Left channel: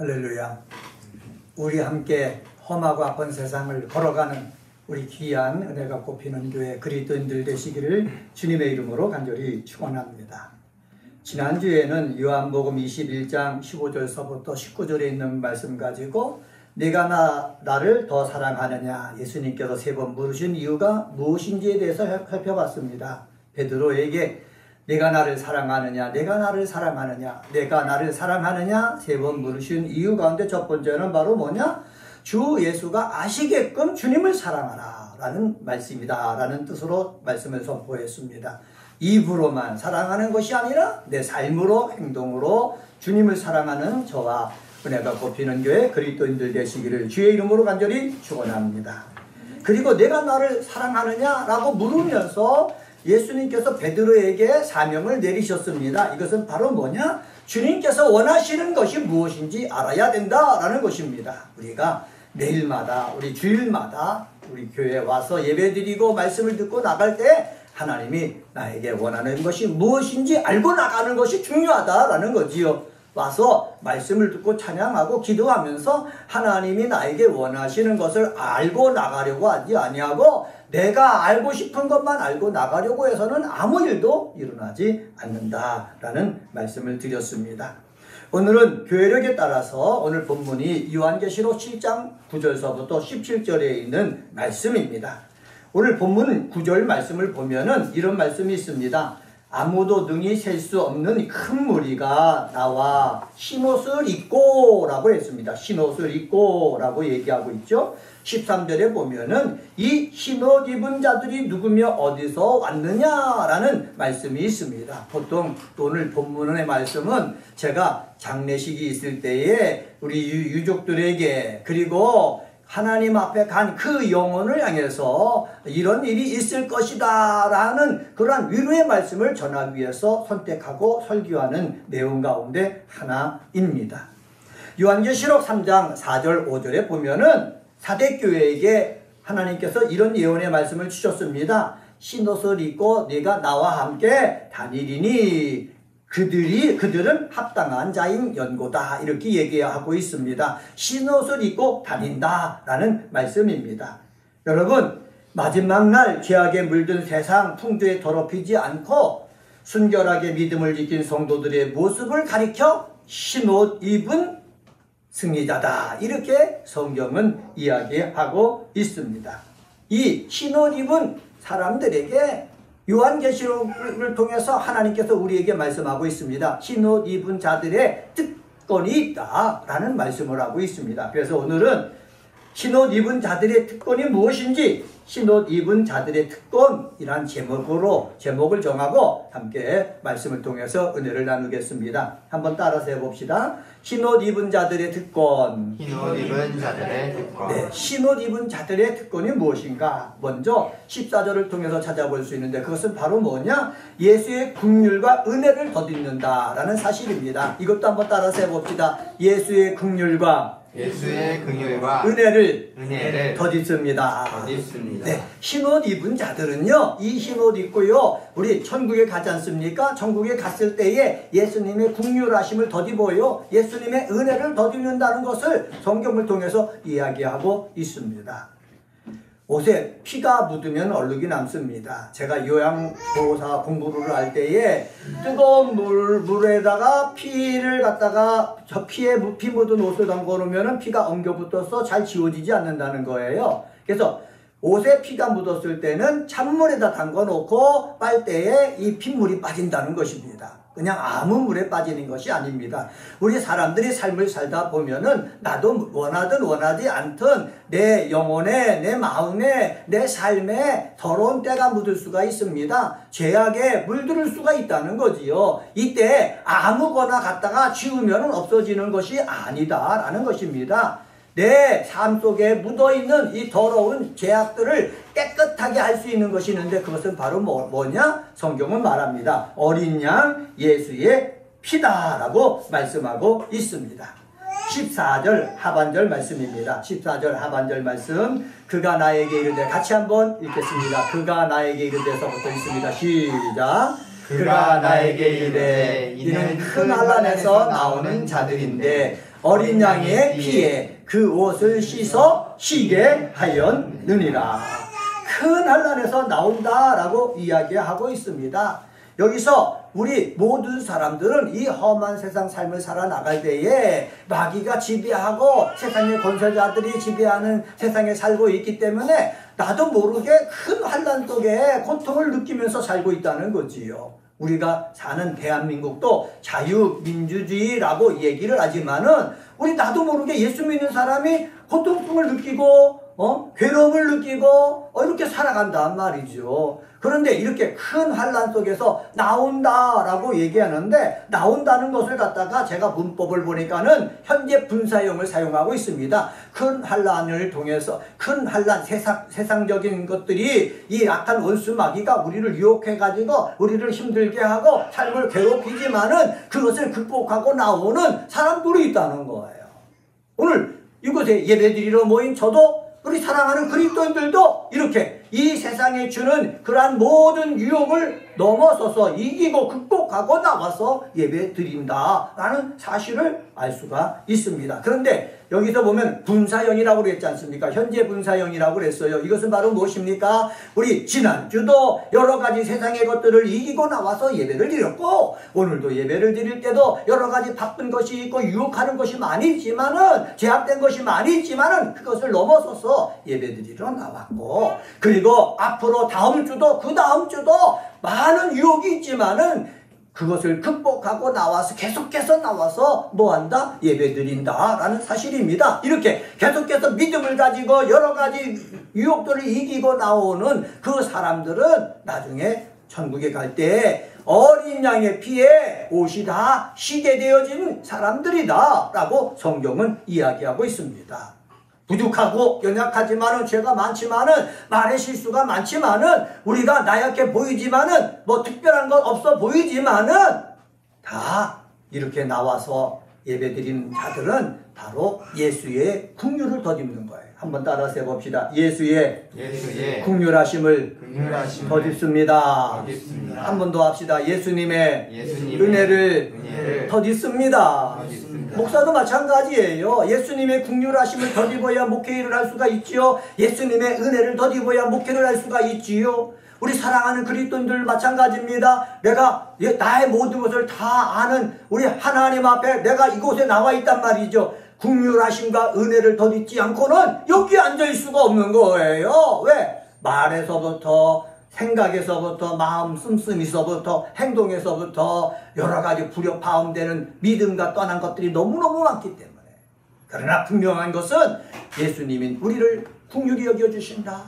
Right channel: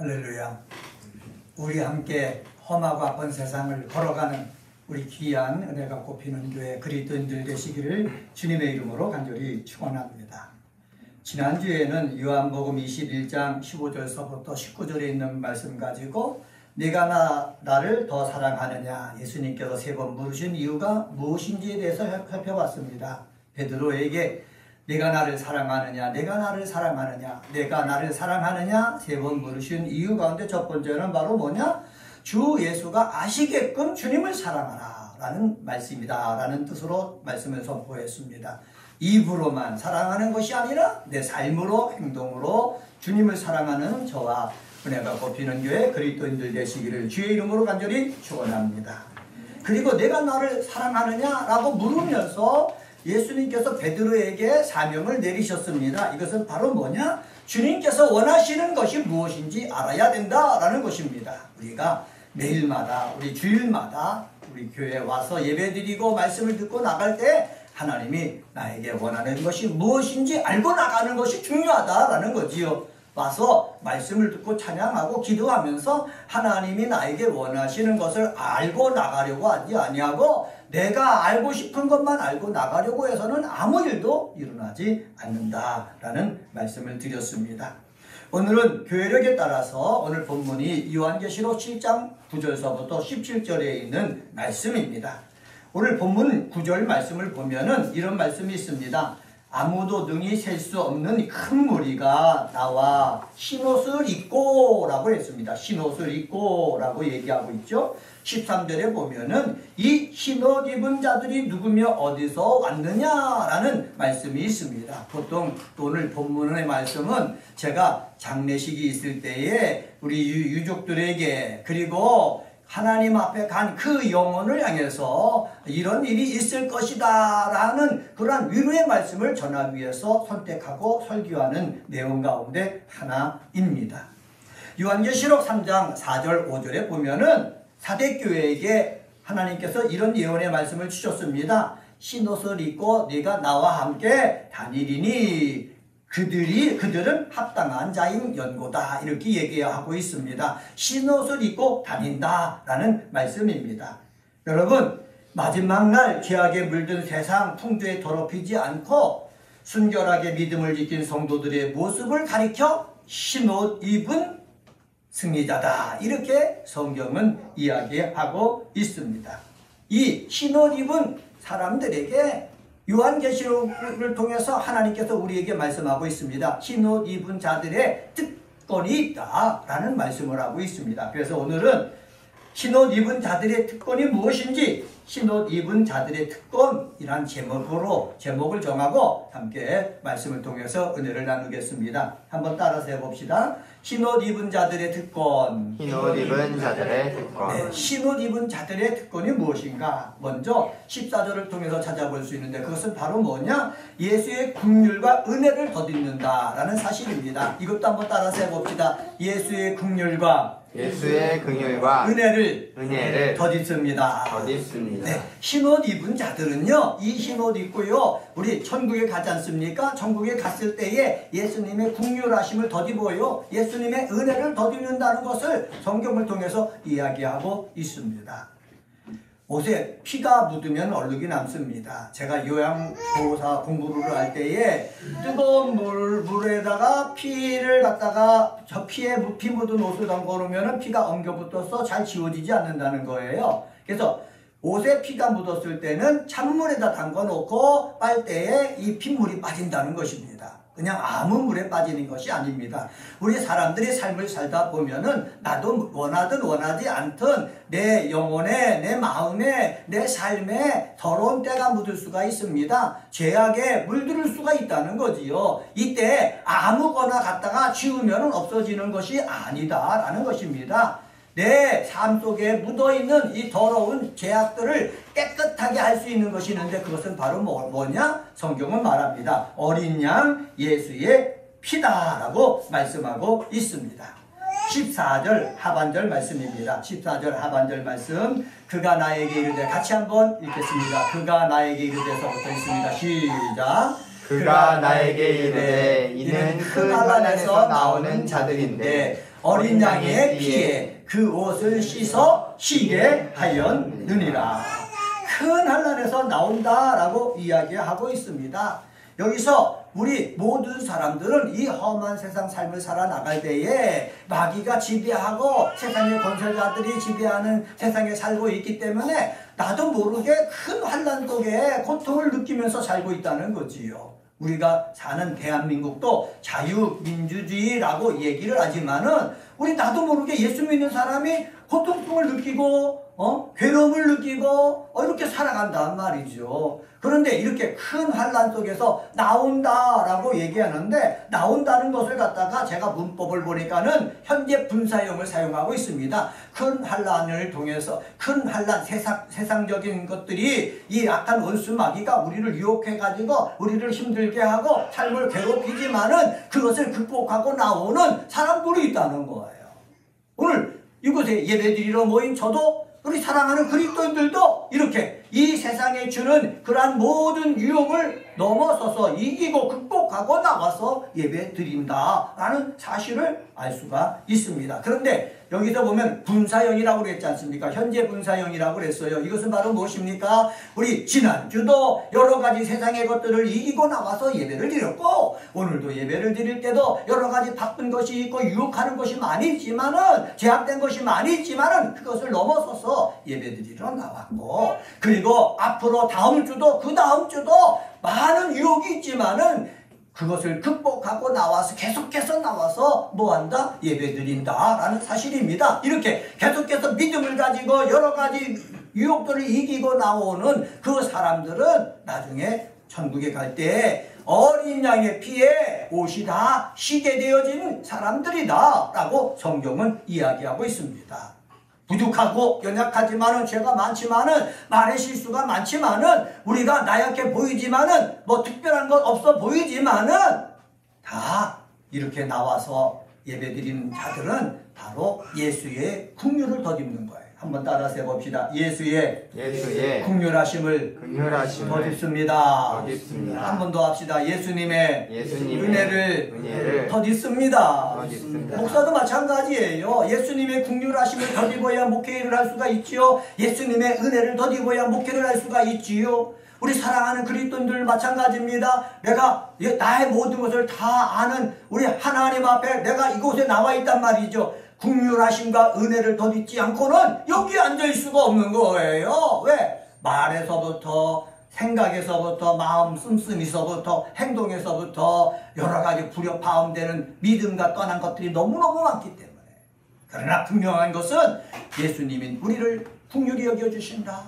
할렐루야. 우리 함께 험하고 아픈 세상을 걸어가는 우리 귀한 은혜가 꼽히는 교회 그리스도인들 되시기를 주님의 이름으로 간절히 축원합니다. 지난주에는 요한복음 21장 15절서부터 19절에 있는 말씀 가지고 내가 나를 더 사랑하느냐, 예수님께서 3번 물으신 이유가 무엇인지에 대해서 살펴봤습니다. 베드로에게 내가 나를 사랑하느냐, 내가 나를 사랑하느냐, 내가 나를 사랑하느냐 3번 물으신 이유 가운데 첫 번째는 바로 뭐냐? 주 예수가 아시게끔 주님을 사랑하라 라는 말씀이다 라는 뜻으로 말씀을 선포했습니다. 입으로만 사랑하는 것이 아니라 내 삶으로, 행동으로 주님을 사랑하는 저와 은혜가 꼽히는 교회 그리스도인들 되시기를 주의 이름으로 간절히 축원합니다. 그리고 내가 나를 사랑하느냐 라고 물으면서 예수님께서 베드로에게 사명을 내리셨습니다. 이것은 바로 뭐냐? 주님께서 원하시는 것이 무엇인지 알아야 된다라는 것입니다. 우리가 매일마다, 우리 주일마다 우리 교회에 와서 예배드리고 말씀을 듣고 나갈 때 하나님이 나에게 원하는 것이 무엇인지 알고 나가는 것이 중요하다라는 거지요. 와서 말씀을 듣고 찬양하고 기도하면서 하나님이 나에게 원하시는 것을 알고 나가려고 하지 아니하고 내가 알고 싶은 것만 알고 나가려고 해서는 아무 일도 일어나지 않는다라는 말씀을 드렸습니다. 오늘은 교회력에 따라서 오늘 본문이 요한계시록 7장 9절서부터 17절에 있는 말씀입니다. 오늘 본문 9절 말씀을 보면은 이런 말씀이 있습니다. 아무도 능히 셀 수 없는 큰 무리가 나와 흰옷을 입고 라고 했습니다. 흰옷을 입고 라고 얘기하고 있죠. 13절에 보면은 이 흰옷 입은 자들이 누구며 어디서 왔느냐라는 말씀이 있습니다. 보통 오늘 본문의 말씀은 제가 장례식이 있을 때에 우리 유족들에게 그리고 하나님 앞에 간 그 영혼을 향해서 이런 일이 있을 것이다 라는 그러한 위로의 말씀을 전하기 위해서 선택하고 설교하는 내용 가운데 하나입니다. 요한계시록 3장 4절 5절에 보면은 사대교회에게 하나님께서 이런 예언의 말씀을 주셨습니다. 흰옷을 입고 네가 나와 함께 다니리니 그들은 합당한 자인 연고다 이렇게 얘기하고 있습니다. 흰옷을 입고 다닌다라는 말씀입니다. 여러분, 마지막 날 죄악에 물든 세상 풍조에 더럽히지 않고 순결하게 믿음을 지킨 성도들의 모습을 가리켜 흰옷 입은 승리자다 이렇게 성경은 이야기하고 있습니다. 이 흰옷 입은 사람들에게 요한계시록을 통해서 하나님께서 우리에게 말씀하고 있습니다. 흰옷 입은 자들의 특권이 있다라는 말씀을 하고 있습니다. 그래서 오늘은 흰옷 입은 자들의 특권이 무엇인지 흰옷 입은 자들의 특권이란 제목을 정하고 함께 말씀을 통해서 은혜를 나누겠습니다. 한번 따라서 해봅시다. 흰옷 입은 자들의 특권. 흰옷 입은 자들의 특권. 네, 흰옷 입은 자들의 특권이 무엇인가? 먼저 14절을 통해서 찾아볼 수 있는데 그것은 바로 뭐냐? 예수의 긍휼과 은혜를 덧입는다라는 사실입니다. 이것도 한번 따라서 해봅시다. 예수의 긍휼과 은혜를 덧입습니다. 네, 흰옷 입은 자들은요, 이 흰옷 입고요, 우리 천국에 가지 않습니까? 천국에 갔을 때에 예수님의 긍휼하심을 덧입어요. 예수님의 은혜를 덧입는다는 것을 성경을 통해서 이야기하고 있습니다. 옷에 피가 묻으면 얼룩이 남습니다. 제가 요양보호사 공부를 할 때에 뜨거운 물에다가 피를 갖다가 저 피에 피 묻은 옷을 담궈 놓으면 피가 엉겨붙어서 잘 지워지지 않는다는 거예요. 그래서 옷에 피가 묻었을 때는 찬물에다 담궈 놓고 빨대에 이 핏물이 빠진다는 것입니다. 그냥 아무 물에 빠지는 것이 아닙니다. 우리 사람들이 삶을 살다 보면은 나도 원하든 원하지 않든 내 영혼에, 내 마음에, 내 삶에 더러운 때가 묻을 수가 있습니다. 죄악에 물들을 수가 있다는 거지요. 이때 아무거나 갖다가 지우면 없어지는 것이 아니다라는 것입니다. 내 삶 속에 묻어있는 이 더러운 죄악들을 깨끗하게 할 수 있는 것이 있는데 그것은 바로 뭐냐? 성경은 말합니다. 어린 양 예수의 피다라고 말씀하고 있습니다. 14절 하반절 말씀입니다. 14절 하반절 말씀. 그가 나에게 이르되 같이 한번 읽겠습니다. 그가 나에게 이르되서부터 있습니다. 시작. 그가 나에게 이르되 이는 큰 환난에서 나오는 자들인데 어린 양의 피에 그 옷을 씻어 쉬게 하였느니라. 큰 환난에서 나온다라고 이야기하고 있습니다. 여기서 우리 모든 사람들은 이 험한 세상 삶을 살아나갈 때에 마귀가 지배하고 세상의 권세자들이 지배하는 세상에 살고 있기 때문에 나도 모르게 큰 환난 속에 고통을 느끼면서 살고 있다는 거지요. 우리가 사는 대한민국도 자유민주주의라고 얘기를 하지만은 우리 나도 모르게 예수 믿는 사람이 고통을 느끼고 괴로움을 느끼고 이렇게 살아간단 말이죠. 그런데 이렇게 큰 환난 속에서 나온다라고 얘기하는데 나온다는 것을 갖다가 제가 문법을 보니까는 현재 분사형을 사용하고 있습니다. 큰 환난을 통해서 큰 환난 세상적인 것들이 이 악한 원수 마귀가 우리를 유혹해가지고 우리를 힘들게 하고 삶을 괴롭히지만은 그것을 극복하고 나오는 사람들이 있다는 거예요. 오늘 이곳에 예배드리러 모인 저도 우리 사랑하는 그리스도인들도 이렇게 이 세상에 주는 그러한 모든 유혹을 넘어서서 이기고 극복하고 나와서 예배 드린다라는 사실을 알 수가 있습니다. 그런데 여기서 보면 분사형이라고 그랬지 않습니까? 현재 분사형이라고 그랬어요. 이것은 바로 무엇입니까? 우리 지난주도 여러 가지 세상의 것들을 이기고 나와서 예배를 드렸고 오늘도 예배를 드릴 때도 여러 가지 바쁜 것이 있고 유혹하는 것이 많이 있지만은 제약된 것이 많이 있지만은 그것을 넘어서서 예배 드리러 나왔고 그리고 앞으로 다음 주도 그 다음 주도 많은 유혹이 있지만은 그것을 극복하고 나와서 계속해서 나와서 뭐한다? 예배드린다라는 사실입니다. 이렇게 계속해서 믿음을 가지고 여러 가지 유혹들을 이기고 나오는 그 사람들은 나중에 천국에 갈 때 어린 양의 피에 옷이 다 쉬게 되어진 사람들이다 라고 성경은 이야기하고 있습니다. 부족하고 연약하지만은 죄가 많지만은 말의 실수가 많지만은 우리가 나약해 보이지만은 뭐 특별한 것 없어 보이지만은 다 이렇게 나와서 예배드리는 자들은 바로 예수의 긍휼을 덧입는 거예요. 한번 따라서 해봅시다. 예수의 긍휼하심을 덧입습니다. 한 번 더 합시다. 예수님의 은혜를 덧입습니다. 목사도 마찬가지예요. 예수님의 긍휼하심을 덧입어야 목회를 할 수가 있지요. 예수님의 은혜를 덧입어야 목회를 할 수가 있지요. 우리 사랑하는 그리스도인들 마찬가지입니다. 내가 나의 모든 것을 다 아는 우리 하나님 앞에 내가 이곳에 나와 있단 말이죠. 긍휼하심과 은혜를 덧입지 않고는 여기 앉아있을 수가 없는 거예요. 왜? 말에서부터 생각에서부터 마음 씀씀이서부터 행동에서부터 여러 가지 불협화음되는 믿음과 떠난 것들이 너무너무 많기 때문에 그러나 분명한 것은 예수님이 우리를 긍휼히 여겨주신다.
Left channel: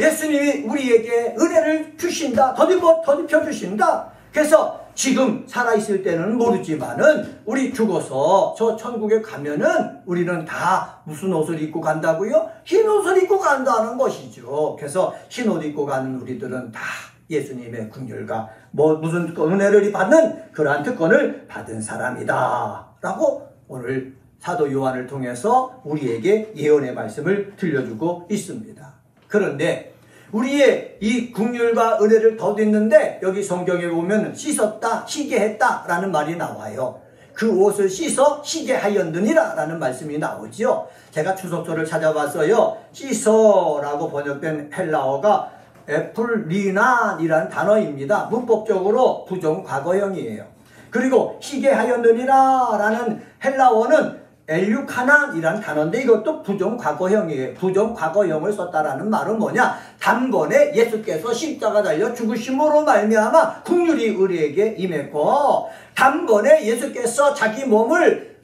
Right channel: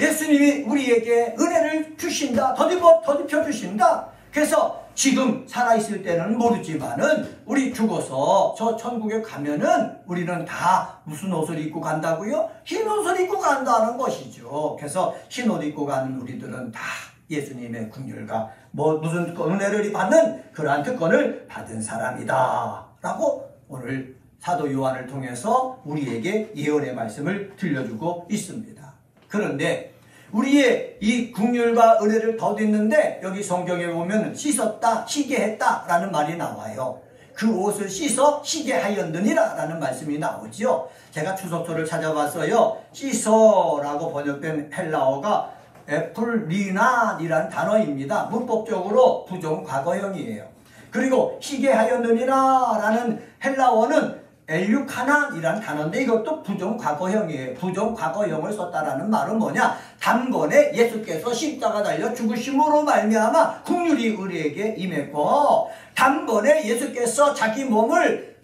예수님이 우리에게 은혜를 주신다. 덧입혀 주신다. 그래서 지금 살아있을 때는 모르지만은 우리 죽어서 저 천국에 가면은 우리는 다 무슨 옷을 입고 간다고요? 흰 옷을 입고 간다는 것이죠. 그래서 흰 옷 입고 가는 우리들은 다 예수님의 긍휼과 무슨 은혜를 받는 그러한 특권을 받은 사람이다 라고 오늘 사도 요한을 통해서 우리에게 예언의 말씀을 들려주고 있습니다. 그런데 우리의 이 긍휼과 은혜를 덧입는데 여기 성경에 보면 씻었다, 쉬게 했다 라는 말이 나와요. 그 옷을 씻어 쉬게 하였느니라 라는 말씀이 나오죠. 제가 추석조를 찾아봤어요. 씻어라고 번역된 헬라어가 에플리난이라는 단어입니다. 문법적으로 부정과거형이에요. 그리고 쉬게 하였느니라 라는 헬라어는 엘류카난이란 단어인데 이것도 부정과거형이에요. 부정과거형을 썼다라는 말은 뭐냐? 단번에 예수께서 십자가 달려 죽으심으로 말미암아 긍휼이 우리에게 임했고 단번에 예수께서 자기 몸을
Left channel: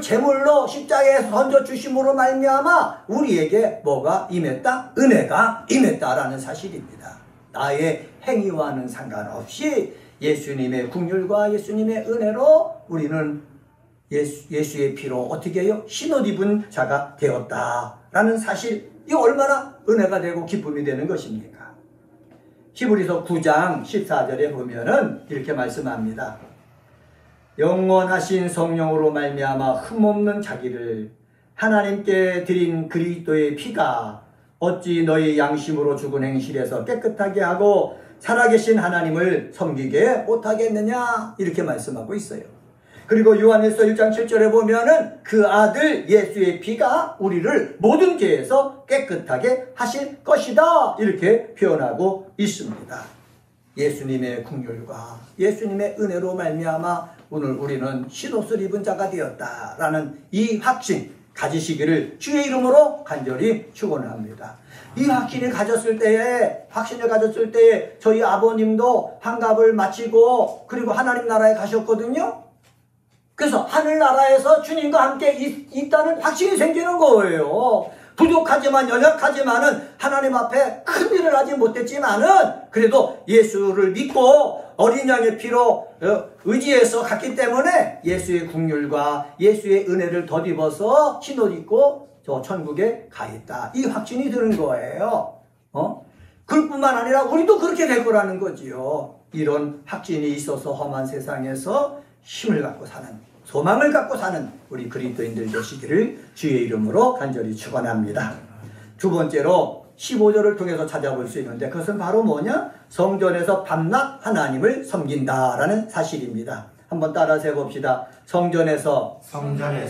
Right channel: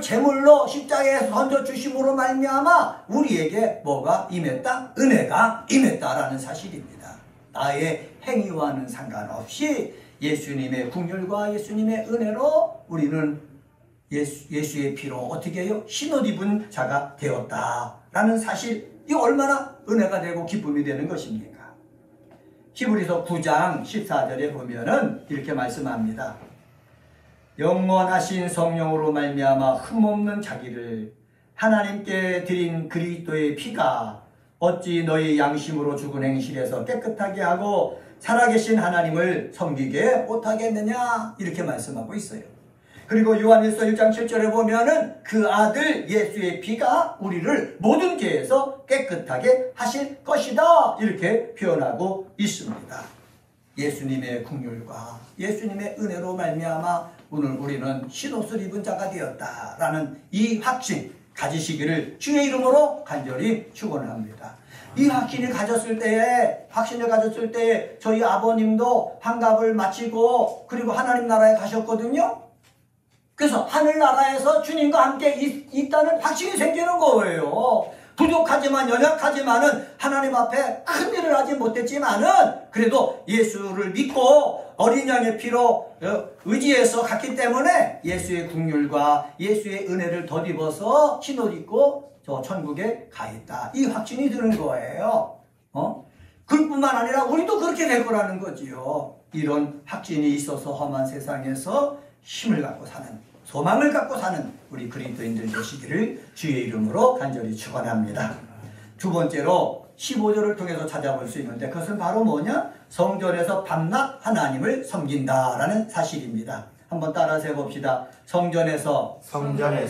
제물로 십자가에서 던져주심으로 말미암아 우리에게 뭐가 임했다? 은혜가 임했다라는 사실입니다. 나의 행위와는 상관없이 예수님의 긍휼과 예수님의 은혜로 우리는 예수의 피로 어떻게 해요? 흰옷 입은 자가 되었다라는 사실, 이 얼마나 은혜가 되고 기쁨이 되는 것입니까? 히브리서 9장 14절에 보면은 이렇게 말씀합니다. 영원하신 성령으로 말미암아 흠없는 자기를 하나님께 드린 그리스도의 피가 어찌 너희 양심으로 죽은 행실에서 깨끗하게 하고 살아계신 하나님을 섬기게 못하겠느냐 이렇게 말씀하고 있어요. 그리고 요한일서 1장 7절에 보면은 그 아들 예수의 피가 우리를 모든 죄에서 깨끗하게 하실 것이다 이렇게 표현하고 있습니다. 예수님의 긍휼과 예수님의 은혜로 말미암아 오늘 우리는 신옷을 입은 자가 되었다라는 이 확신 가지시기를 주의 이름으로 간절히 축원합니다. 이 확신을 가졌을 때에 저희 아버님도 환갑을 마치고 그리고 하나님 나라에 가셨거든요. 그래서 하늘나라에서 주님과 함께 있다는 확신이 생기는 거예요. 부족하지만 연약하지만은 하나님 앞에 큰 일을 하지 못했지만은 그래도 예수를 믿고 어린 양의 피로 의지해서 갔기 때문에 예수의 긍휼과 예수의 은혜를 덧입어서 신옷 입고 저 천국에 가 있다. 이 확신이 드는 거예요. 그뿐만 아니라 우리도 그렇게 될 거라는 거지요. 이런 확신이 있어서 험한 세상에서 힘을 갖고 사는, 소망을 갖고 사는 우리 그리스도인들 되시기를 주의 이름으로 간절히 축원합니다. 두 번째로 15절을 통해서 찾아볼 수 있는데 그것은 바로 뭐냐? 성전에서 밤낮 하나님을 섬긴다라는 사실입니다. 한번 따라서 해봅시다. 성전에서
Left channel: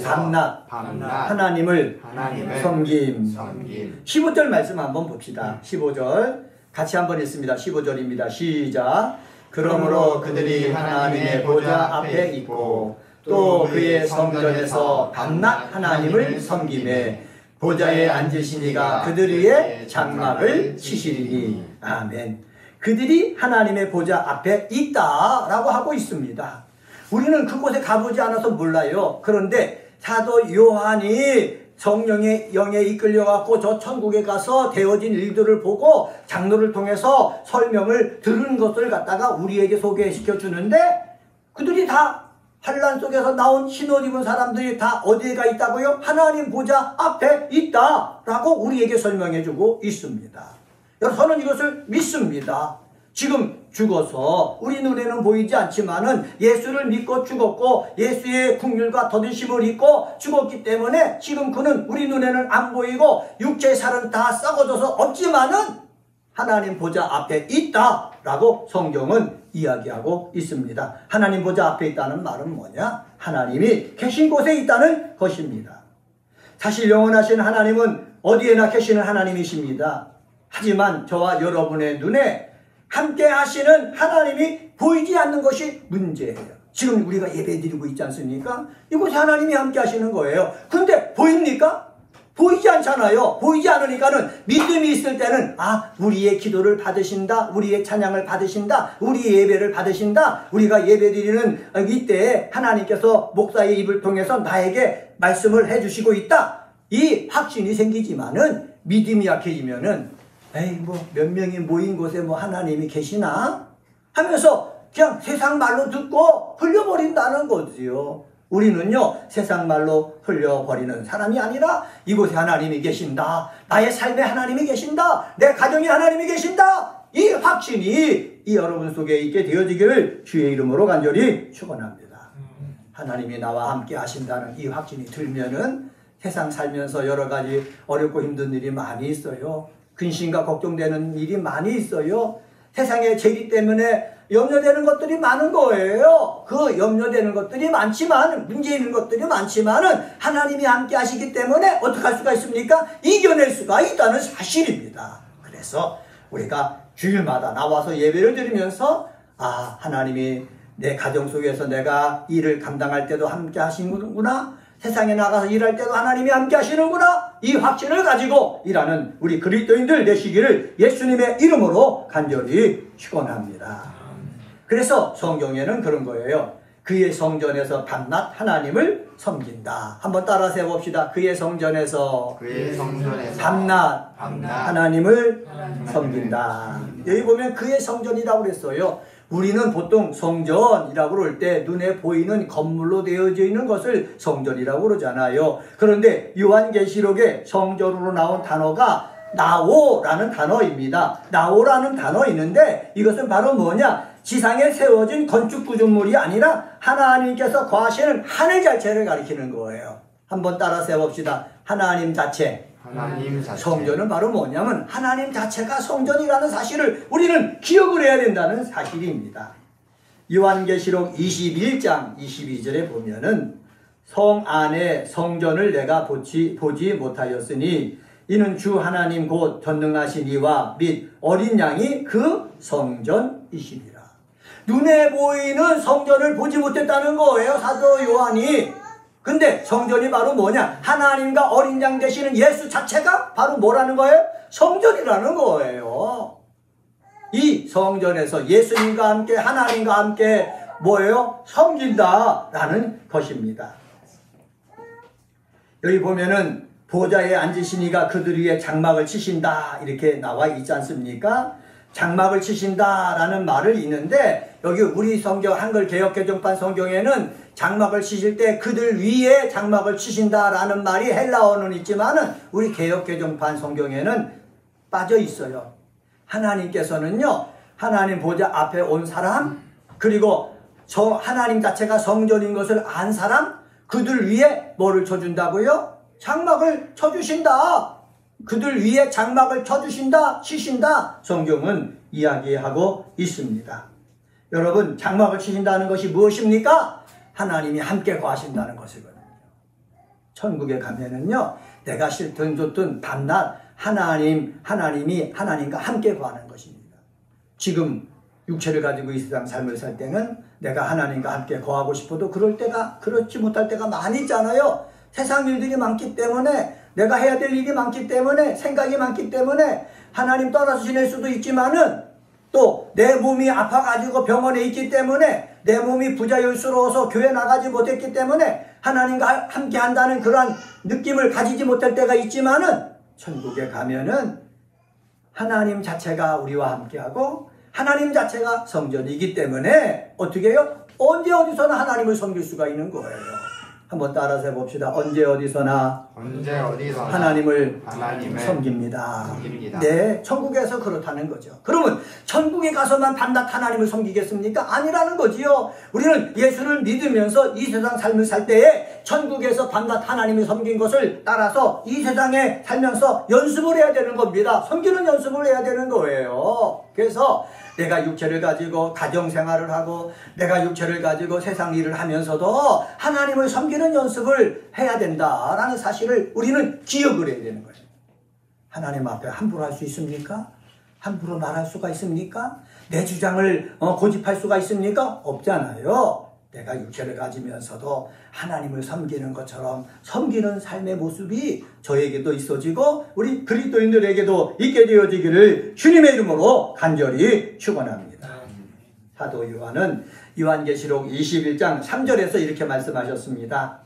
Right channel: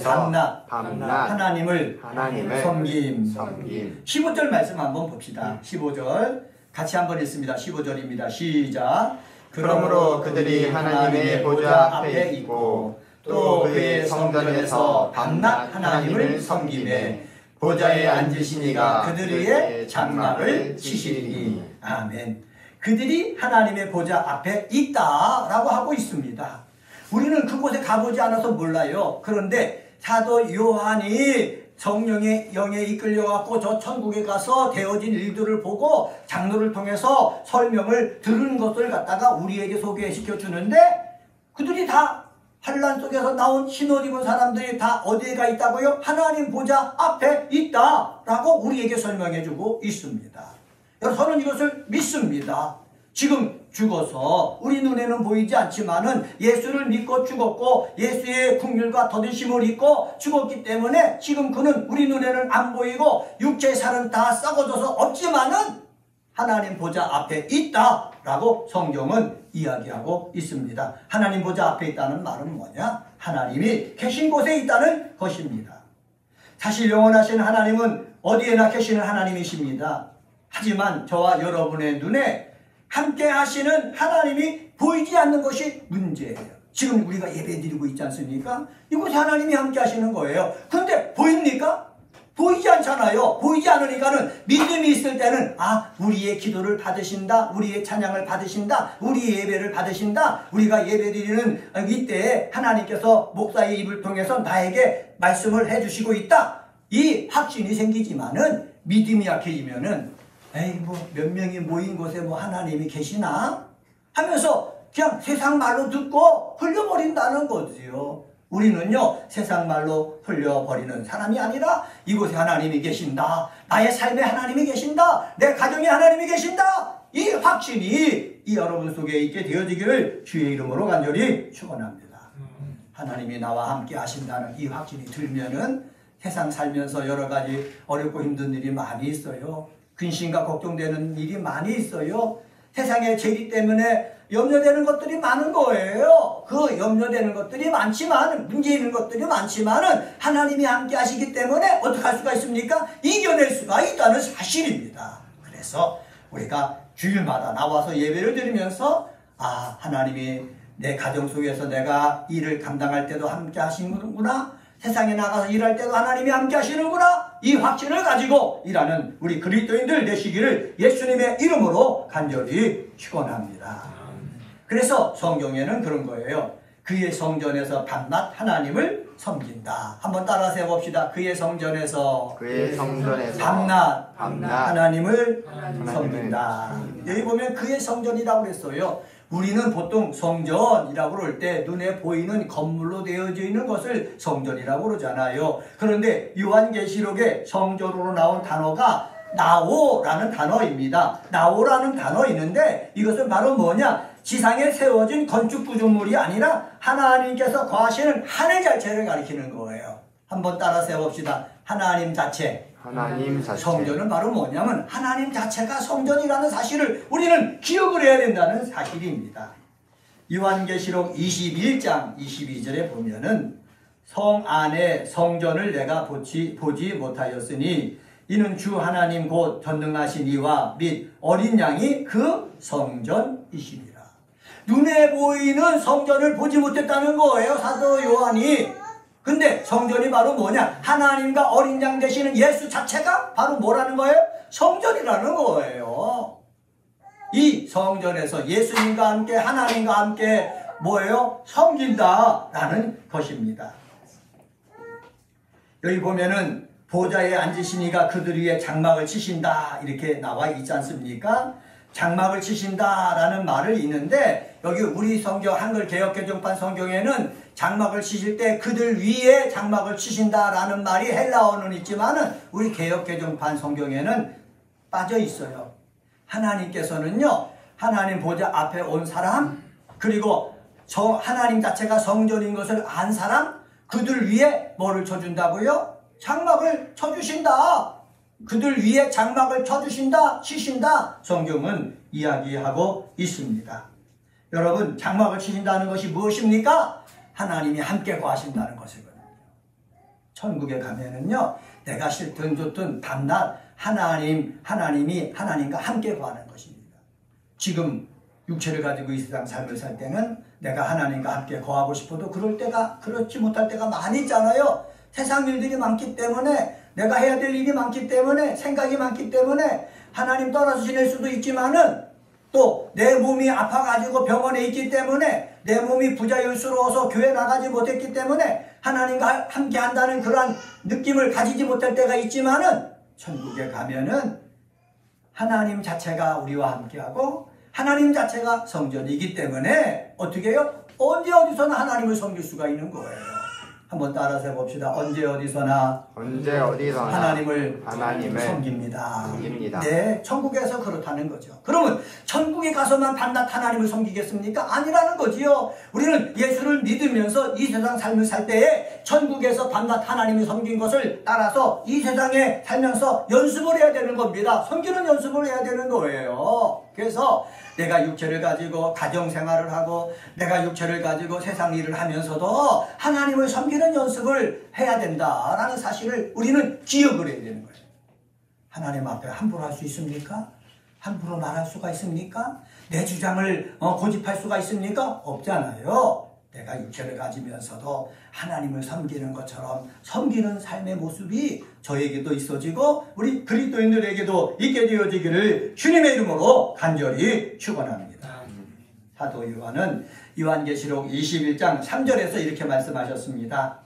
밤낮 하나님을 섬김. 15절 말씀 한번 봅시다. 15절 같이 한번 읽습니다. 15절입니다. 시작. 그러므로 그들이 하나님의 보좌 앞에 있고 또 그의 성전에서 밤낮 하나님을 섬기매 보좌에 앉으신 이가 그들 위에 장막을 치시리니. 아멘. 그들이 하나님의 보좌 앞에 있다라고 하고 있습니다. 우리는 그곳에 가보지 않아서 몰라요. 그런데 사도 요한이 성령의 영에 이끌려갖고 저 천국에 가서 되어진 일들을 보고 장로를 통해서 설명을 들은 것을 갖다가 우리에게 소개시켜 주는데 그들이 다 환난 속에서 나온 신옷 입은 사람들이 다 어디에 가 있다고요? 하나님 보좌 앞에 있다라고 우리에게 설명해 주고 있습니다. 여러분, 저는 이것을 믿습니다. 지금 죽어서 우리 눈에는 보이지 않지만은 예수를 믿고 죽었고 예수의 긍휼과 더디심을 입고 죽었기 때문에 지금 그는 우리 눈에는 안 보이고 육체의 살은 다 썩어져서 없지만은 하나님 보좌 앞에 있다라고 성경은 이야기하고 있습니다. 하나님 보좌 앞에 있다는 말은 뭐냐? 하나님이 계신 곳에 있다는 것입니다. 사실 영원하신 하나님은 어디에나 계시는 하나님이십니다. 하지만 저와 여러분의 눈에 함께 하시는 하나님이 보이지 않는 것이 문제예요. 지금 우리가 예배 드리고 있지 않습니까? 이곳에 하나님이 함께 하시는 거예요. 근데 보입니까? 보이지 않잖아요. 보이지 않으니까는 믿음이 있을 때는 우리의 기도를 받으신다, 우리의 찬양을 받으신다, 우리의 예배를 받으신다, 우리가 예배 드리는 이때에 하나님께서 목사의 입을 통해서 나에게 말씀을 해주시고 있다, 이 확신이 생기지만은 믿음이 약해지면은 몇 명이 모인 곳에 하나님이 계시나 하면서 그냥 세상 말로 듣고 흘려버린다는 거지요. 우리는요, 세상 말로 흘려버리는 사람이 아니라 이곳에 하나님이 계신다, 나의 삶에 하나님이 계신다, 내 가정에 하나님이 계신다, 이 확신이 이 여러분 속에 있게 되어지기를 주의 이름으로 간절히 축원합니다. 하나님이 나와 함께 하신다는 이 확신이 들면은 세상 살면서 여러 가지 어렵고 힘든 일이 많이 있어요. 근심과 걱정되는 일이 많이 있어요. 세상의 재리 때문에 염려되는 것들이 많은 거예요. 그 염려되는 것들이 많지만, 문제 있는 것들이 많지만은 하나님이 함께 하시기 때문에 어떻게 할 수가 있습니까? 이겨낼 수가 있다는 사실입니다. 그래서 우리가 주일마다 나와서 예배를 드리면서 하나님이 내 가정 속에서 내가 일을 감당할 때도 함께 하시는구나, 세상에 나가서 일할 때도 하나님이 함께 하시는구나, 이 확신을 가지고 일하는 우리 그리스도인들 되시기를 예수님의 이름으로 간절히 축원합니다. 그래서 성경에는 그런 거예요. 그의 성전에서 밤낮 하나님을 섬긴다. 한번 따라서 해봅시다. 그의 성전에서 밤낮 하나님을 섬긴다. 여기 보면 그의 성전이라고 그랬어요. 우리는 보통 성전이라고 그럴 때 눈에 보이는 건물로 되어져 있는 것을 성전이라고 그러잖아요. 그런데 요한계시록에 성전으로 나온 단어가 나오라는 단어입니다. 나오라는 단어 있는데 이것은 바로 뭐냐? 지상에 세워진 건축 구조물이 아니라 하나님께서 거하시는 하늘 자체를 가리키는 거예요. 한번 따라서 해봅시다. 하나님 자체. 하나님 자체. 성전은 바로 뭐냐면 하나님 자체가 성전이라는 사실을 우리는 기억을 해야 된다는 사실입니다. 요한계시록 21장 22절에 보면은 성 안에 성전을 내가 보지 못하였으니 이는 주 하나님 곧 전능하신 이와 및 어린 양이 그 성전이시니라. 눈에 보이는 성전을 보지 못했다는 거예요, 사도 요한이. 근데 성전이 바로 뭐냐? 하나님과 어린 양 되시는 예수 자체가 바로 뭐라는 거예요? 성전이라는 거예요. 이 성전에서 예수님과 함께 하나님과 함께 뭐예요? 섬긴다라는 것입니다. 여기 보면은 보좌에 앉으신 이가 그들 위에 장막을 치신다 이렇게 나와 있지 않습니까? 장막을 치신다라는 말을 있는데 여기 우리 성경 한글 개역개정판 성경에는 장막을 치실 때 그들 위에 장막을 치신다라는 말이 헬라어는 있지만은 우리 개역개정판 성경에는 빠져 있어요. 하나님께서는요, 하나님 보좌 앞에 온 사람, 그리고 하나님 자체가 성전인 것을 안 사람, 그들 위에 뭐를 쳐준다고요? 장막을 쳐주신다. 그들 위에 장막을 쳐주신다, 치신다. 성경은 이야기하고 있습니다. 여러분, 장막을 치신다는 것이 무엇입니까? 하나님이 함께 거하신다는 것이거든요. 천국에 가면은요, 내가 싫든 좋든 밤낮 하나님이 하나님과 함께 거하는 것입니다. 지금 육체를 가지고 이 세상 삶을 살 때는 내가 하나님과 함께 거하고 싶어도 그렇지 못할 때가 많이 있잖아요. 세상 일들이 많기 때문에, 내가 해야 될 일이 많기 때문에, 생각이 많기 때문에 하나님 떠나서 지낼 수도 있지만은 또 내 몸이 아파가지고 병원에 있기 때문에, 내 몸이 부자연스러워서 교회 나가지 못했기 때문에 하나님과 함께 한다는 그러한 느낌을 가지지 못할 때가 있지만은 천국에 가면은 하나님 자체가 우리와 함께하고 하나님 자체가 성전이기 때문에 어떻게 해요? 언제 어디서나 하나님을 섬길 수가 있는 거예요. 한번 따라서 해봅시다. 언제 어디서나 하나님을 섬깁니다. 네, 천국에서 그렇다는 거죠. 그러면 천국에 가서만 밤낮 하나님을 섬기겠습니까? 아니라는 거지요. 우리는 예수를 믿으면서 이 세상 삶을 살 때에 천국에서 밤낮 하나님을 섬긴 것을 따라서 이 세상에 살면서 연습을 해야 되는 겁니다. 섬기는 연습을 해야 되는 거예요. 그래서 내가 육체를 가지고 가정생활을 하고 내가 육체를 가지고 세상 일을 하면서도 하나님을 섬기는 연습을 해야 된다라는 사실을 우리는 기억을 해야 되는 거예요. 하나님 앞에 함부로 할 수 있습니까? 함부로 말할 수가 있습니까? 내 주장을 고집할 수가 있습니까? 없잖아요. 내가 육체를 가지면서도 하나님을 섬기는 것처럼 섬기는 삶의 모습이 저에게도 있어지고 우리 그리스도인들에게도 있게 되어지기를 주님의 이름으로 간절히 축원합니다. 사도 요한은 요한계시록 21장 3절에서 이렇게 말씀하셨습니다.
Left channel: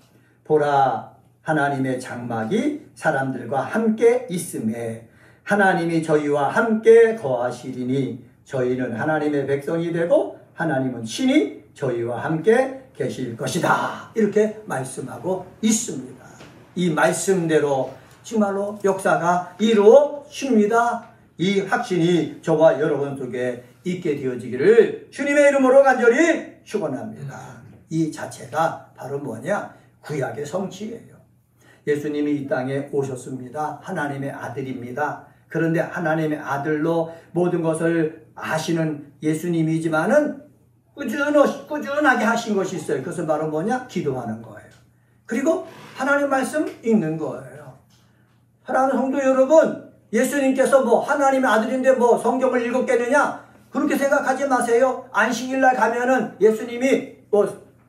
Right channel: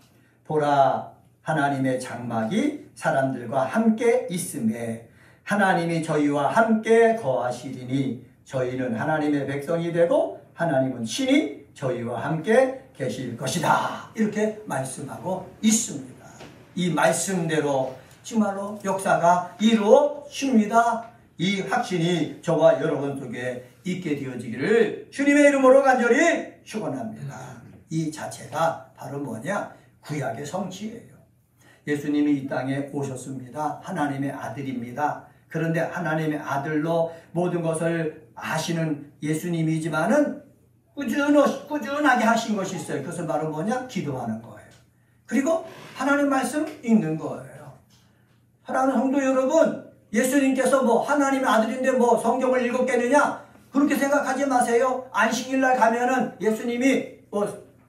보라, 하나님의 장막이 사람들과 함께 있음에 하나님이 저희와 함께 거하시리니 저희는 하나님의 백성이 되고 하나님은 친히 저희와 함께 계실 것이다. 이렇게 말씀하고 있습니다. 이 말씀대로 정말로 역사가 이루어집니다. 이 확신이 저와 여러분 속에 있게 되어지기를 주님의 이름으로 간절히 축원합니다. 이 자체가 바로 뭐냐? 구약의 성취예요. 예수님이 이 땅에 오셨습니다. 하나님의 아들입니다. 그런데 하나님의 아들로 모든 것을 하시는 예수님이지만은 꾸준하게 하신 것이 있어요. 그것은 바로 뭐냐? 기도하는 거예요. 그리고 하나님 말씀 읽는 거예요. 사랑하는 성도 여러분, 예수님께서 하나님의 아들인데 성경을 읽었겠느냐? 그렇게 생각하지 마세요. 안식일날 가면은 예수님이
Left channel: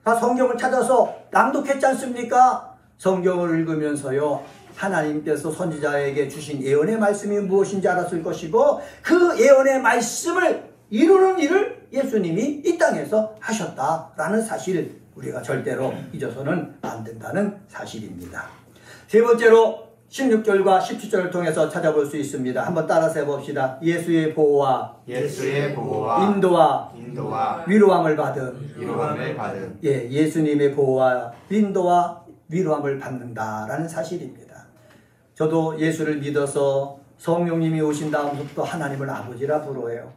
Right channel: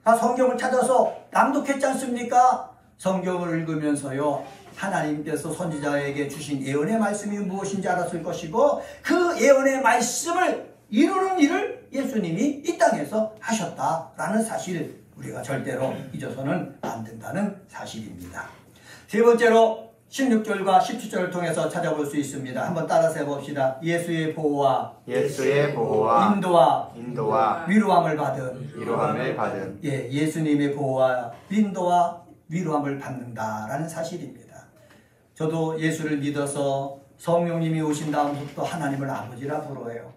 다 성경을 찾아서 낭독했지 않습니까? 성경을 읽으면서요, 하나님께서 선지자에게 주신 예언의 말씀이 무엇인지 알았을 것이고 그 예언의 말씀을 이루는 일을 예수님이 이 땅에서 하셨다라는 사실을 우리가 절대로 잊어서는 안 된다는 사실입니다. 세 번째로 16절과 17절을 통해서 찾아볼 수 있습니다. 한번 따라서 해봅시다. 예수의 보호와 인도와 위로함을 받은 예수님의 보호와 인도와 위로함을 받는다라는 사실입니다. 저도 예수를 믿어서 성령님이 오신 다음부터 하나님을 아버지라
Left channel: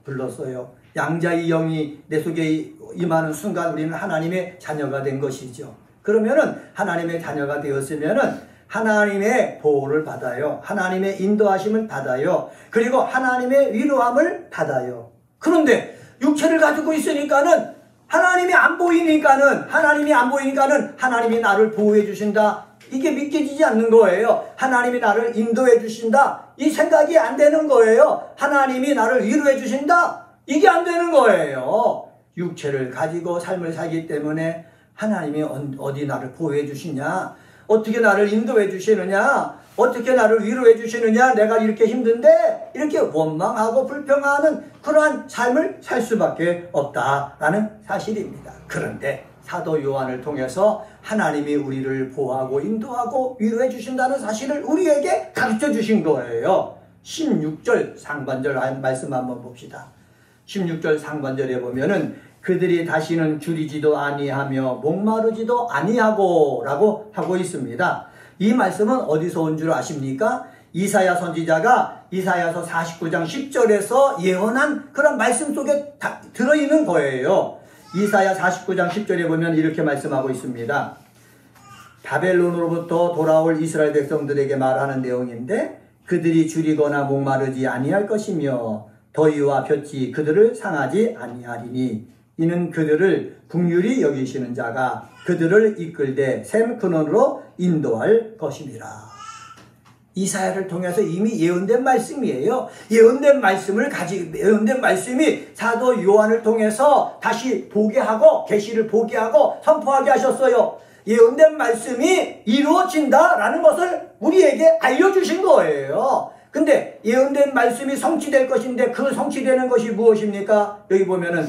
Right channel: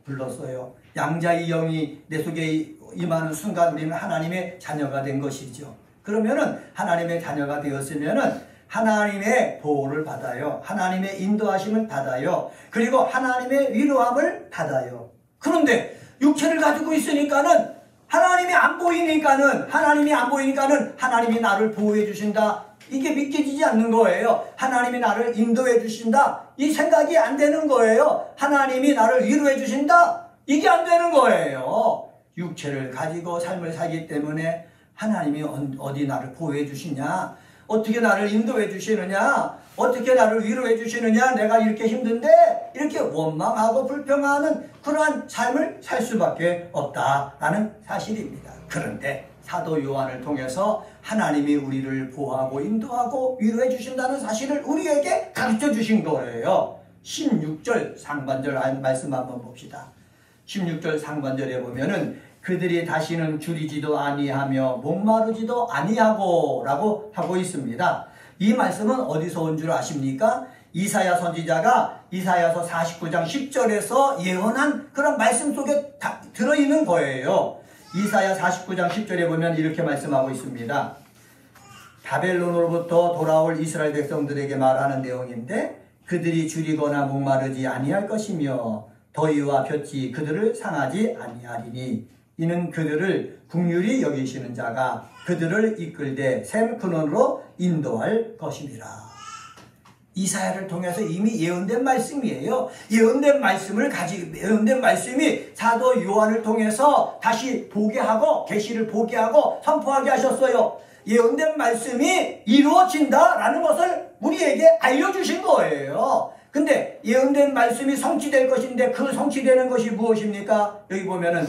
불렀어요. 양자의 영이 내 속에 임하는 순간 우리는 하나님의 자녀가 된 것이죠. 그러면은 하나님의 자녀가 되었으면은 하나님의 보호를 받아요. 하나님의 인도하심을 받아요. 그리고 하나님의 위로함을 받아요. 그런데 육체를 가지고 있으니까는 하나님이 안 보이니까는 하나님이 나를 보호해 주신다. 이게 믿겨지지 않는 거예요. 하나님이 나를 인도해 주신다. 이 생각이 안 되는 거예요. 하나님이 나를 위로해 주신다. 이게 안 되는 거예요. 육체를 가지고 삶을 살기 때문에 하나님이 어디 나를 보호해 주시냐? 어떻게 나를 인도해 주시느냐? 어떻게 나를 위로해 주시느냐? 내가 이렇게 힘든데 이렇게 원망하고 불평하는 그러한 삶을 살 수밖에 없다라는 사실입니다. 그런데 사도 요한을 통해서 하나님이 우리를 보호하고 인도하고 위로해 주신다는 사실을 우리에게 가르쳐 주신 거예요. 16절 상반절 말씀 한번 봅시다. 16절 상반절에 보면은 그들이 다시는 줄이지도 아니하며 목마르지도 아니하고 라고 하고 있습니다. 이 말씀은 어디서 온 줄 아십니까? 이사야 선지자가 이사야서 49장 10절에서 예언한 그런 말씀 속에 다 들어있는 거예요. 이사야 49장 10절에 보면 이렇게 말씀하고 있습니다. 바벨론으로부터 돌아올 이스라엘 백성들에게 말하는 내용인데 그들이 줄이거나 목마르지 아니할 것이며 더위와 볕이 그들을 상하지 아니하리니 이는 그들을 긍휼히 여기시는 자가 그들을 이끌되 샘 근원으로 인도할 것임이라. 이사야를 통해서 이미 예언된 말씀이에요. 예언된 말씀이 사도 요한을 통해서 다시 보게 하고 계시를 보게 하고 선포하게 하셨어요. 예언된 말씀이 이루어진다라는 것을 우리에게 알려주신 거예요. 근데 예언된 말씀이 성취될 것인데 그 성취되는 것이 무엇입니까? 여기 보면은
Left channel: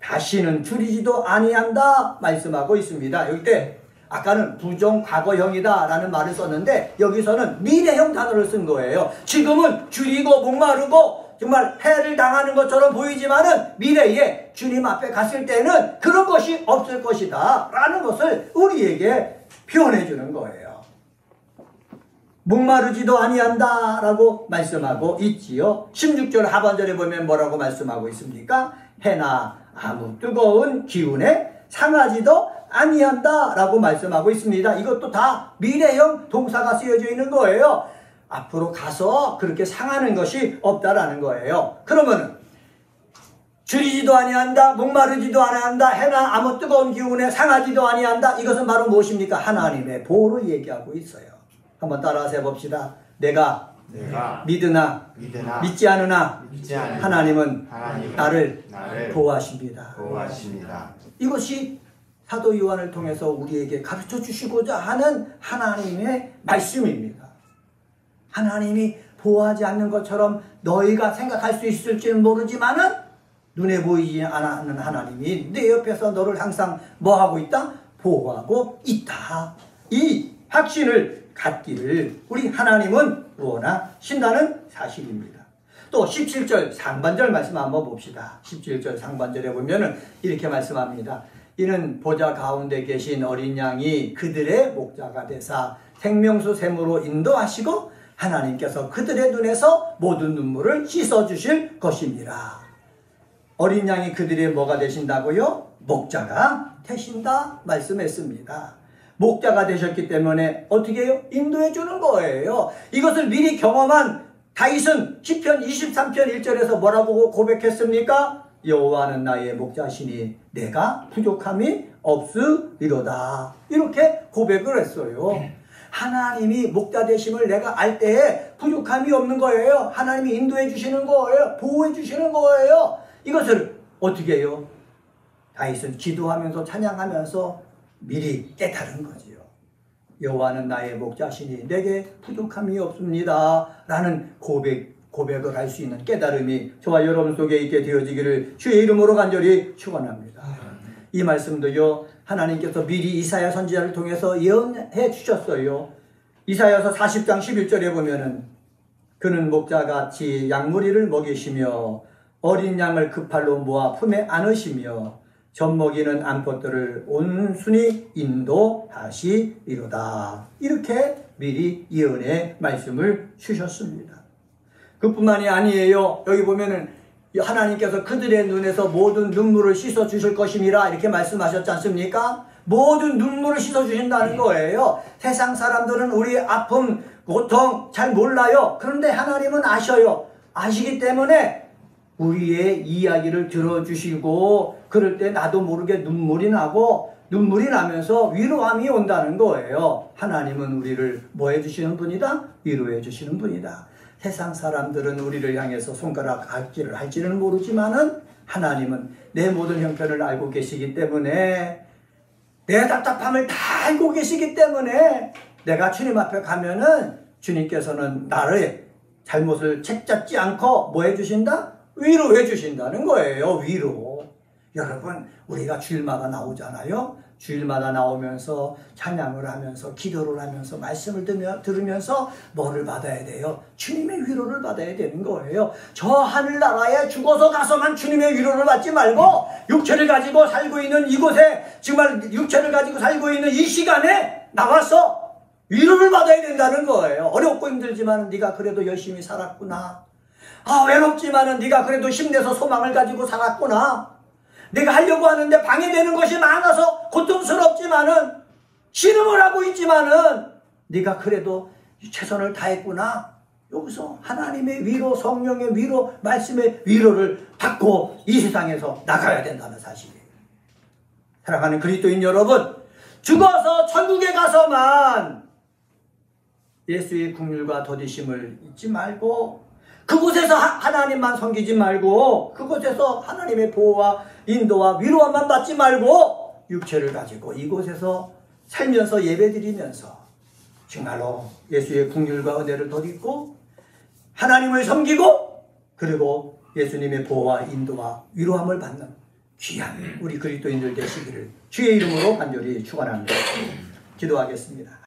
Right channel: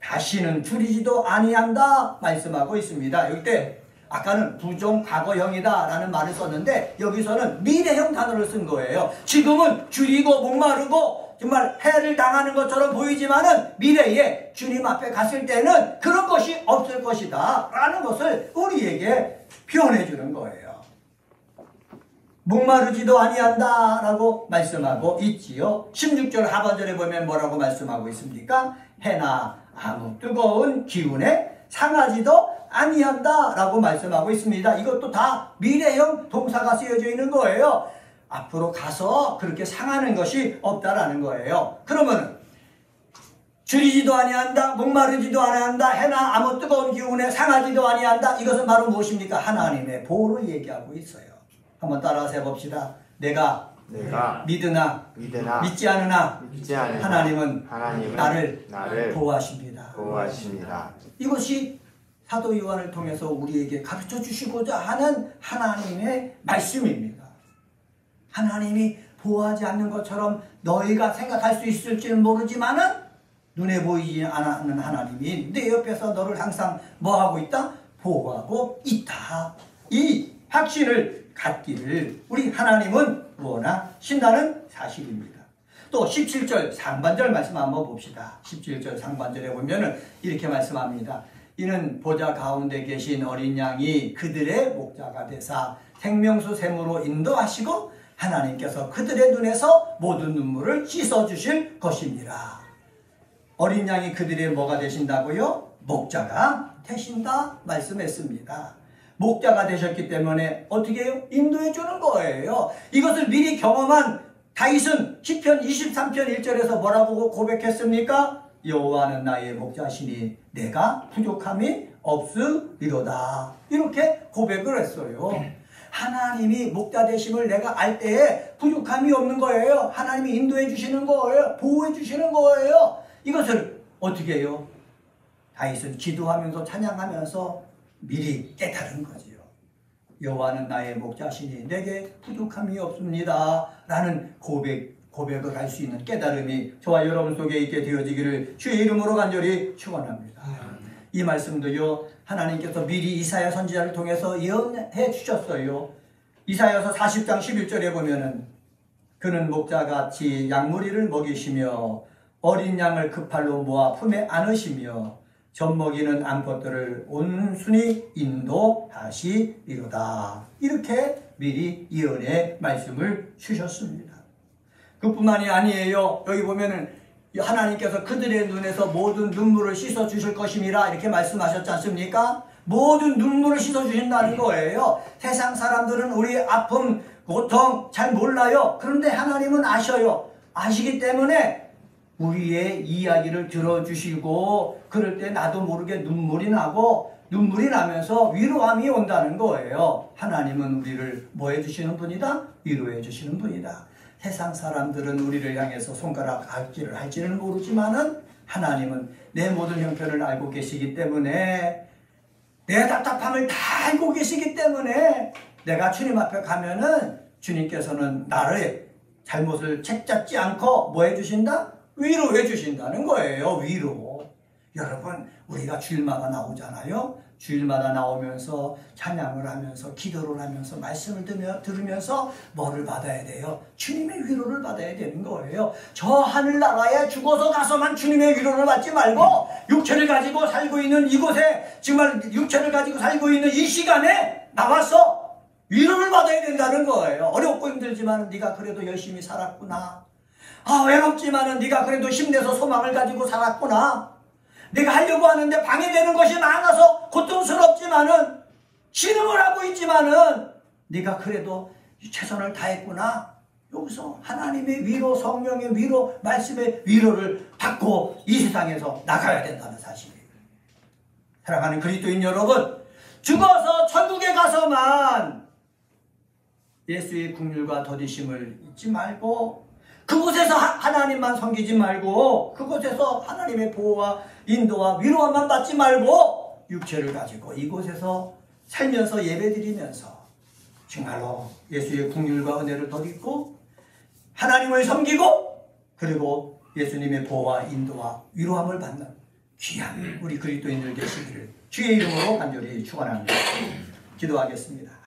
다시는 줄이지도 아니한다 말씀하고 있습니다. 여기 때 아까는 부정 과거형이다 라는 말을 썼는데 여기서는 미래형 단어를 쓴 거예요. 지금은 줄이고 목마르고 정말 해를 당하는 것처럼 보이지만은 미래에 주님 앞에 갔을 때는 그런 것이 없을 것이다 라는 것을 우리에게 표현해 주는 거예요. 목마르지도 아니한다 라고 말씀하고 있지요. 16절 하반절에 보면 뭐라고 말씀하고 있습니까? 해나 아무 뜨거운 기운에 상하지도 아니한다 라고 말씀하고 있습니다. 이것도 다 미래형 동사가 쓰여져 있는 거예요. 앞으로 가서 그렇게 상하는 것이 없다라는 거예요. 그러면 줄이지도 아니한다, 목마르지도 아니한다, 해나 아무 뜨거운 기운에 상하지도 아니한다. 이것은 바로 무엇입니까? 하나님의 보호를 얘기하고 있어요. 한번 따라서 해봅시다. 내가 믿으나 믿지 않으나 하나님은 나를 보호하십니다. 이것이 사도 요한을 통해서 우리에게 가르쳐 주시고자 하는 하나님의 말씀입니다. 하나님이 보호하지 않는 것처럼 너희가 생각할 수 있을지는 모르지만은 눈에 보이지 않는 하나님이 내 옆에서 너를 항상 뭐하고 있다? 보호하고 있다. 이 확신을 갖기를 우리 하나님은 원하신다는 사실입니다. 또 17절 상반절 말씀 한번 봅시다. 17절 상반절에 보면은 이렇게 말씀합니다. 이는 보좌 가운데 계신 어린 양이 그들의 목자가 되사 생명수 샘으로 인도하시고 하나님께서 그들의 눈에서 모든 눈물을 씻어주실 것입니다. 어린 양이 그들의 뭐가 되신다고요? 목자가 되신다 말씀했습니다. 목자가 되셨기 때문에 어떻게 해요? 인도해 주는 거예요. 이것을 미리 경험한 다윗은 시편 23편 1절에서 뭐라고 고백했습니까? 여호와는 나의 목자시니 내가 부족함이 없으리로다. 이렇게 고백을 했어요. 하나님이 목자 되심을 내가 알 때에 부족함이 없는 거예요. 하나님이 인도해 주시는 거예요. 보호해 주시는 거예요. 이것을 어떻게 해요? 다윗은 기도하면서 찬양하면서 미리 깨달은 거지요. 여호와는 나의 목자시니 내게 부족함이 없습니다 라는 고백을 할 수 있는 깨달음이 저와 여러분 속에 있게 되어지기를 주의 이름으로 간절히 축원합니다. 이 말씀도요, 하나님께서 미리 이사야 선지자를 통해서 예언해 주셨어요. 이사야서 40장 11절에 보면은 그는 목자같이 양무리를 먹이시며 어린 양을 그 팔로 모아 품에 안으시며 젖먹이는 암컷들을 온순히 인도하시리로다. 이렇게 미리 예언의 말씀을 주셨습니다. 그뿐만이 아니에요. 여기 보면은 하나님께서 그들의 눈에서 모든 눈물을 씻어 주실 것임이라 이렇게 말씀하셨지 않습니까? 모든 눈물을 씻어주신다는 거예요. 세상 사람들은 우리 아픔, 고통 잘 몰라요. 그런데 하나님은 아셔요. 아시기 때문에 우리의 이야기를 들어주시고 그럴 때 나도 모르게 눈물이 나고 눈물이 나면서 위로함이 온다는 거예요. 하나님은 우리를 뭐 해주시는 분이다? 위로해 주시는 분이다. 세상 사람들은 우리를 향해서 손가락 악질을 할지는 모르지만은 하나님은 내 모든 형편을 알고 계시기 때문에 내 답답함을 다 알고 계시기 때문에 내가 주님 앞에 가면은 주님께서는 나를 잘못을 책잡지 않고 뭐 해주신다? 위로해 주신다는 거예요. 위로. 여러분 우리가 주일마다 나오잖아요. 주일마다 나오면서 찬양을 하면서 기도를 하면서 말씀을 들으면서 뭐를 받아야 돼요? 주님의 위로를 받아야 되는 거예요. 저 하늘나라에 죽어서 가서만 주님의 위로를 받지 말고 육체를 가지고 살고 있는 이곳에 정말 육체를 가지고 살고 있는 이 시간에 나와서 위로를 받아야 된다는 거예요. 어렵고 힘들지만 네가 그래도 열심히 살았구나. 외롭지만은 네가 그래도 힘내서 소망을 가지고 살았구나. 내가 하려고 하는데 방해되는 것이 많아서 고통스럽지만은 신음을 하고 있지만은 네가 그래도 최선을 다했구나. 여기서 하나님의 위로, 성령의 위로, 말씀의 위로를 받고 이 세상에서 나가야 된다는 사실이에요. 사랑하는 그리스도인 여러분, 죽어서 천국에 가서만 예수의 긍휼과 더디심을 잊지 말고 그곳에서 하나님만 섬기지 말고 그곳에서 하나님의 보호와 인도와 위로만 받지 말고 육체를 가지고 이곳에서 살면서 예배드리면서 정말로 예수의 긍휼과 은혜를 덧입고 하나님을 섬기고 그리고 예수님의 보호와 인도와 위로함을 받는 귀한 우리 그리스도인들 되시기를 주의 이름으로 간절히 축원합니다. 기도하겠습니다.